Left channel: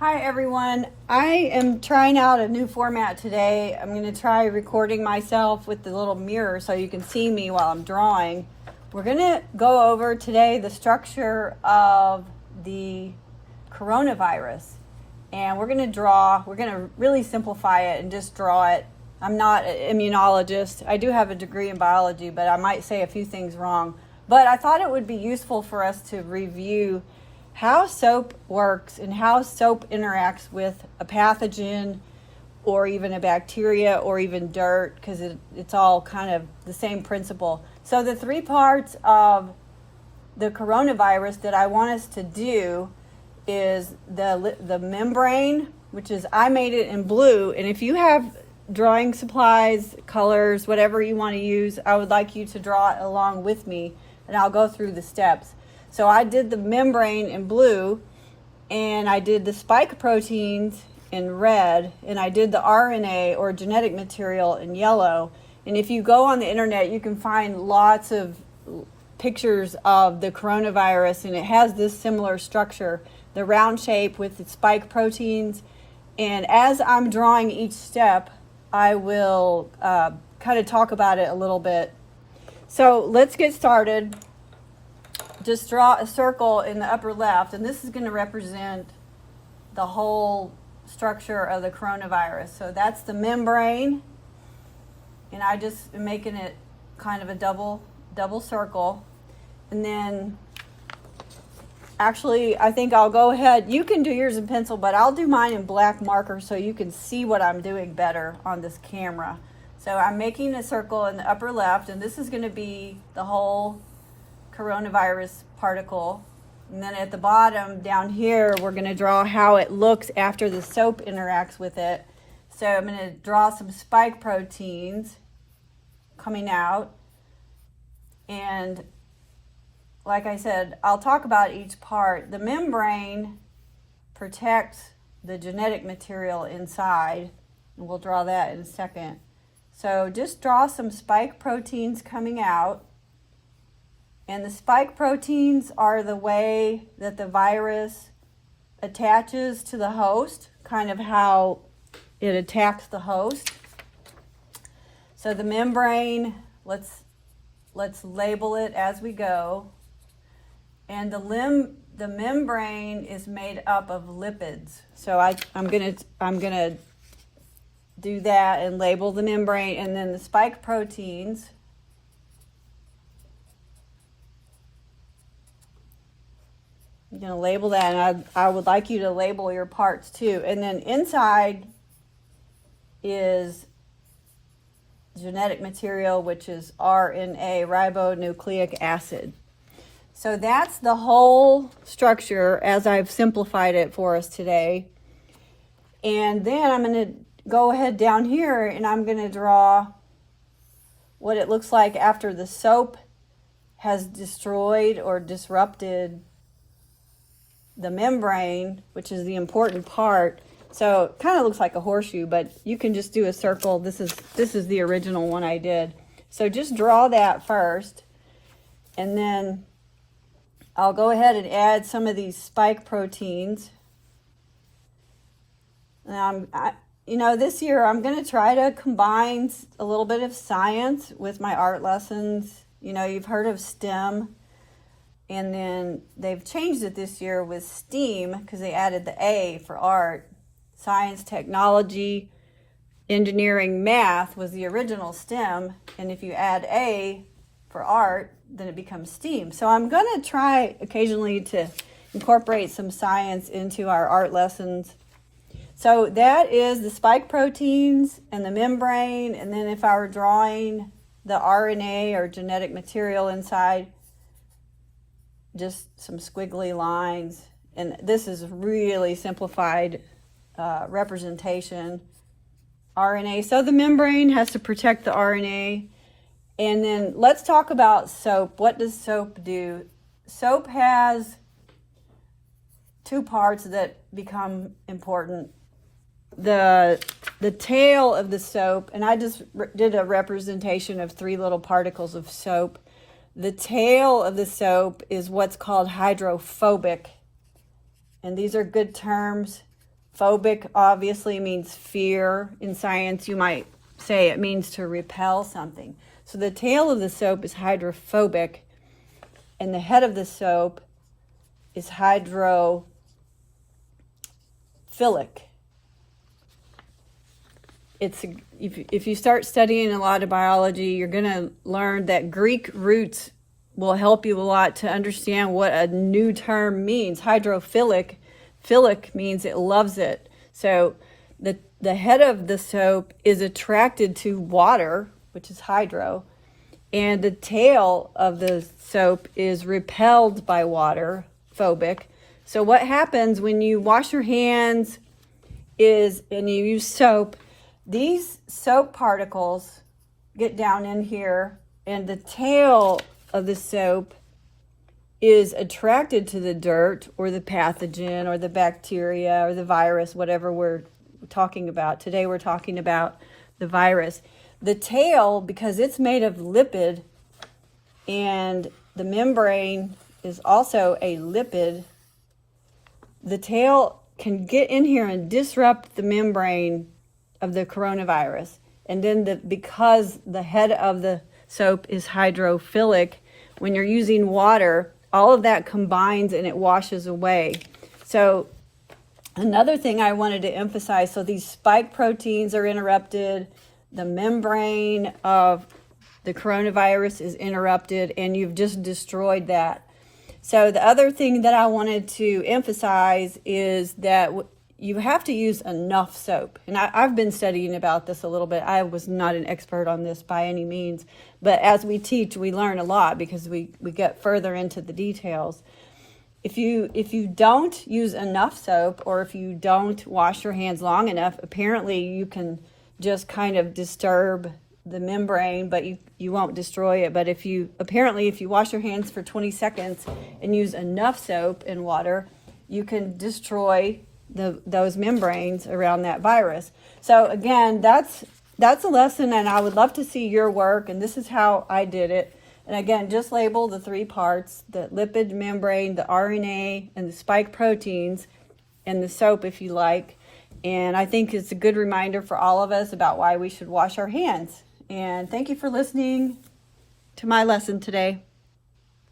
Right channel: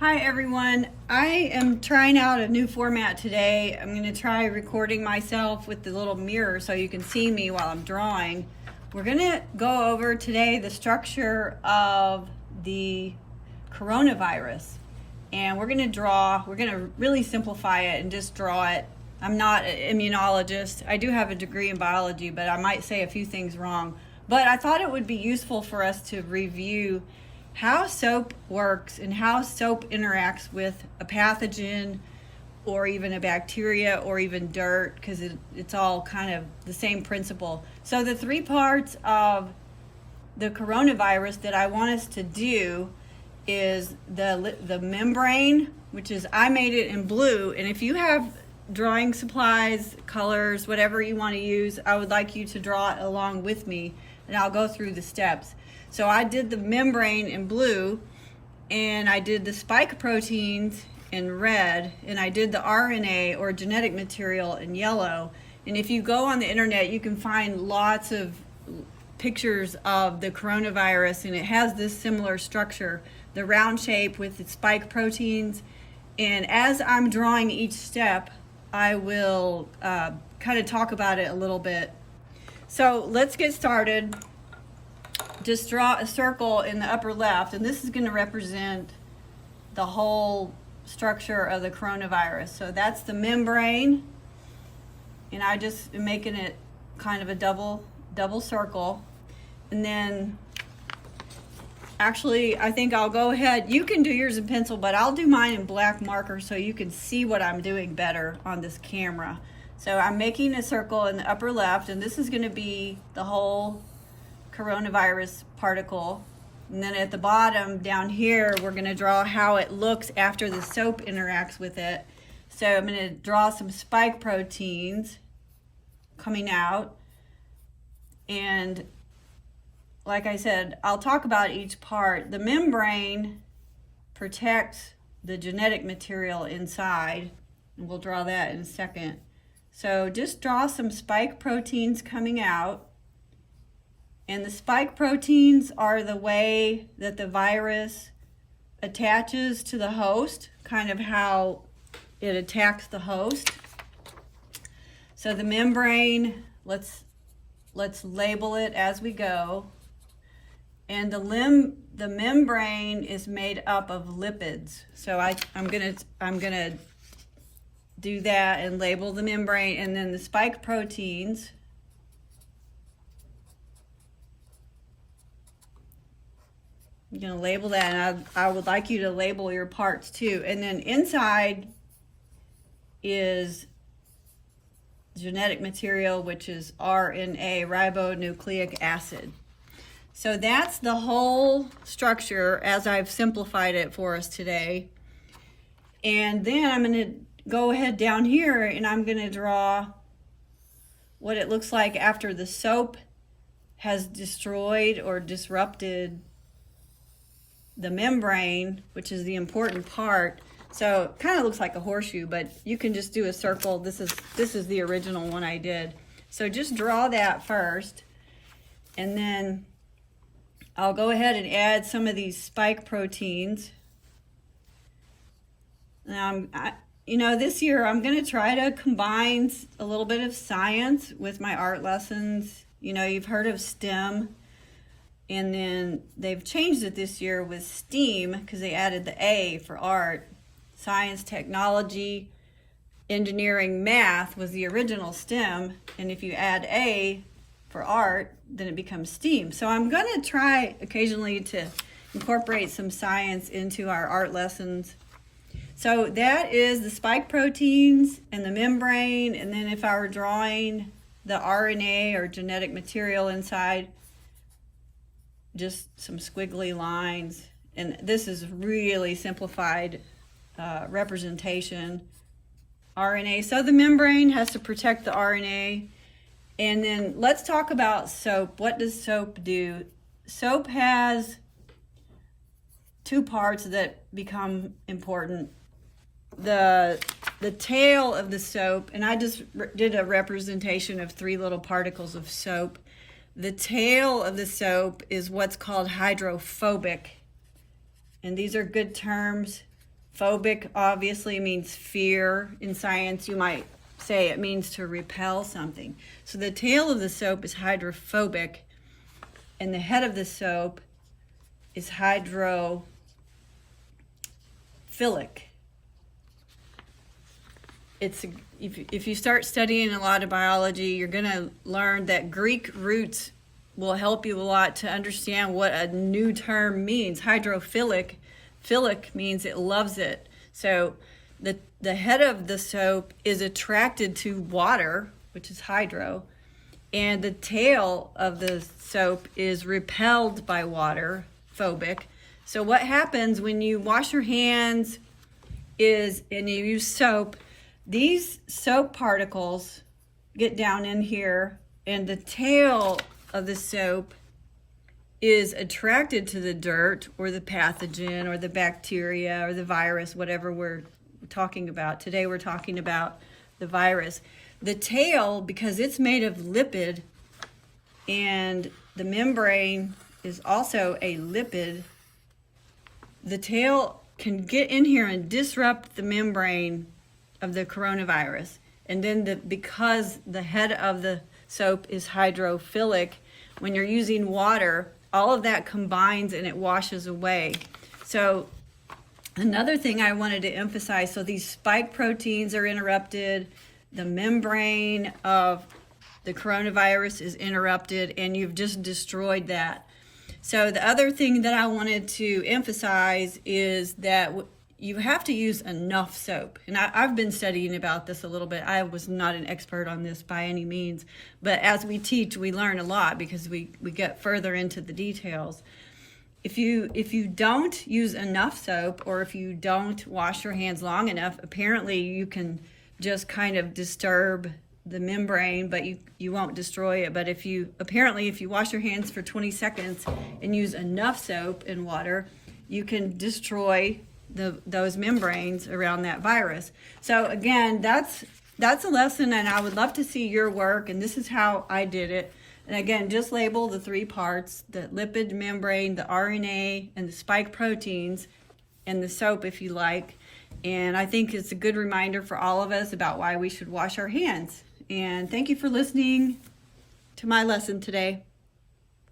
Hi everyone, I am trying out a new format today. I'm going to try recording myself with the little mirror so you can see me while I'm drawing. We're going to go over today the structure of the coronavirus, and we're going to really simplify it and just draw it. I'm not an immunologist. I do have a degree in biology, but I might say a few things wrong. But I thought it would be useful for us to review how soap works and how soap interacts with a pathogen or even a bacteria or even dirt, because it's all kind of the same principle. So the three parts of the coronavirus that I want us to do is the membrane, which is, I made it in blue, and if you have drawing supplies, colors, whatever you want to use, I would like you to draw it along with me, and I'll go through the steps. So I did the membrane in blue, and I did the spike proteins in red, and I did the RNA or genetic material in yellow. And if you go on the internet, you can find lots of pictures of the coronavirus, and it has this similar structure, the round shape with the spike proteins. And as I'm drawing each step, I will kind of talk about it a little bit. So let's get started. Just draw a circle in the upper left, and this is going to represent the whole structure of the coronavirus. So that's the membrane, and I just am making it kind of a double circle. And then actually, I think I'll go ahead, you can do yours in pencil, but I'll do mine in black marker so you can see what I'm doing better on this camera. So I'm making a circle in the upper left, and this is going to be the whole coronavirus particle. And then at the bottom down here, we're going to draw how it looks after the soap interacts with it. So I'm going to draw some spike proteins coming out. And like I said, I'll talk about each part. The membrane protects the genetic material inside, and we'll draw that in a second. So just draw some spike proteins coming out. And the spike proteins are the way that the virus attaches to the host, kind of how it attacks the host. So the membrane, let's label it as we go. And the membrane is made up of lipids. So I'm gonna do that and label the membrane, and then the spike proteins. I'm going to label that, and I would like you to label your parts too. And then inside is genetic material, which is RNA, ribonucleic acid. So that's the whole structure as I've simplified it for us today. And then I'm going to go ahead down here, and I'm going to draw what it looks like after the soap has destroyed or disrupted the membrane, which is the important part. So it kind of looks like a horseshoe, but you can just do a circle. This is the original one I did. So just draw that first, and then I'll go ahead and add some of these spike proteins. This year I'm going to try to combine a little bit of science with my art lessons. You've heard of STEM. And then they've changed it this year with STEAM, because they added the A for art. Science, technology, engineering, math was the original STEM. And if you add A for art, then it becomes STEAM. So I'm going to try occasionally to incorporate some science into our art lessons. So that is the spike proteins and the membrane. And then if I were drawing the RNA or genetic material inside, just some squiggly lines. And this is really simplified representation. RNA. So the membrane has to protect the RNA. And then let's talk about soap. What does soap do? Soap has two parts that become important. The tail of the soap, and I just did a representation of three little particles of soap. The tail of the soap is what's called hydrophobic. And these are good terms Phobic obviously means fear. In science, you might say it means to repel something. So the tail of the soap is hydrophobic, and the head of the soap is hydrophilic. If you start studying a lot of biology, you're going to learn that Greek roots will help you a lot to understand what a new term means. Hydrophilic, philic means it loves it. So the head of the soap is attracted to water, which is hydro, and the tail of the soap is repelled by water, phobic. So what happens when you wash your hands and you use soap, these soap particles get down in here, and the tail of the soap is attracted to the dirt or the pathogen or the bacteria or the virus, whatever we're talking about. Today we're talking about the virus. The tail, because it's made of lipid, and the membrane is also a lipid, the tail can get in here and disrupt the membrane of the coronavirus. And then because the head of the soap is hydrophilic, when you're using water, all of that combines and it washes away. So another thing I wanted to emphasize, so these spike proteins are interrupted, the membrane of the coronavirus is interrupted, and you've just destroyed that. So the other thing that I wanted to emphasize is that you have to use enough soap. And I've been studying about this a little bit. I was not an expert on this by any means, but as we teach, we learn a lot because we get further into the details. If you don't use enough soap, or if you don't wash your hands long enough, apparently you can just kind of disturb the membrane, but you won't destroy it. But if you wash your hands for 20 seconds and use enough soap and water, you can destroy those membranes around that virus. So again, that's a lesson, and I would love to see your work, and this is how I did it. And again, just label the 3 parts: the lipid membrane, the RNA, and the spike proteins, and the soap if you like. And I think it's a good reminder for all of us about why we should wash our hands. And thank you for listening to my lesson today.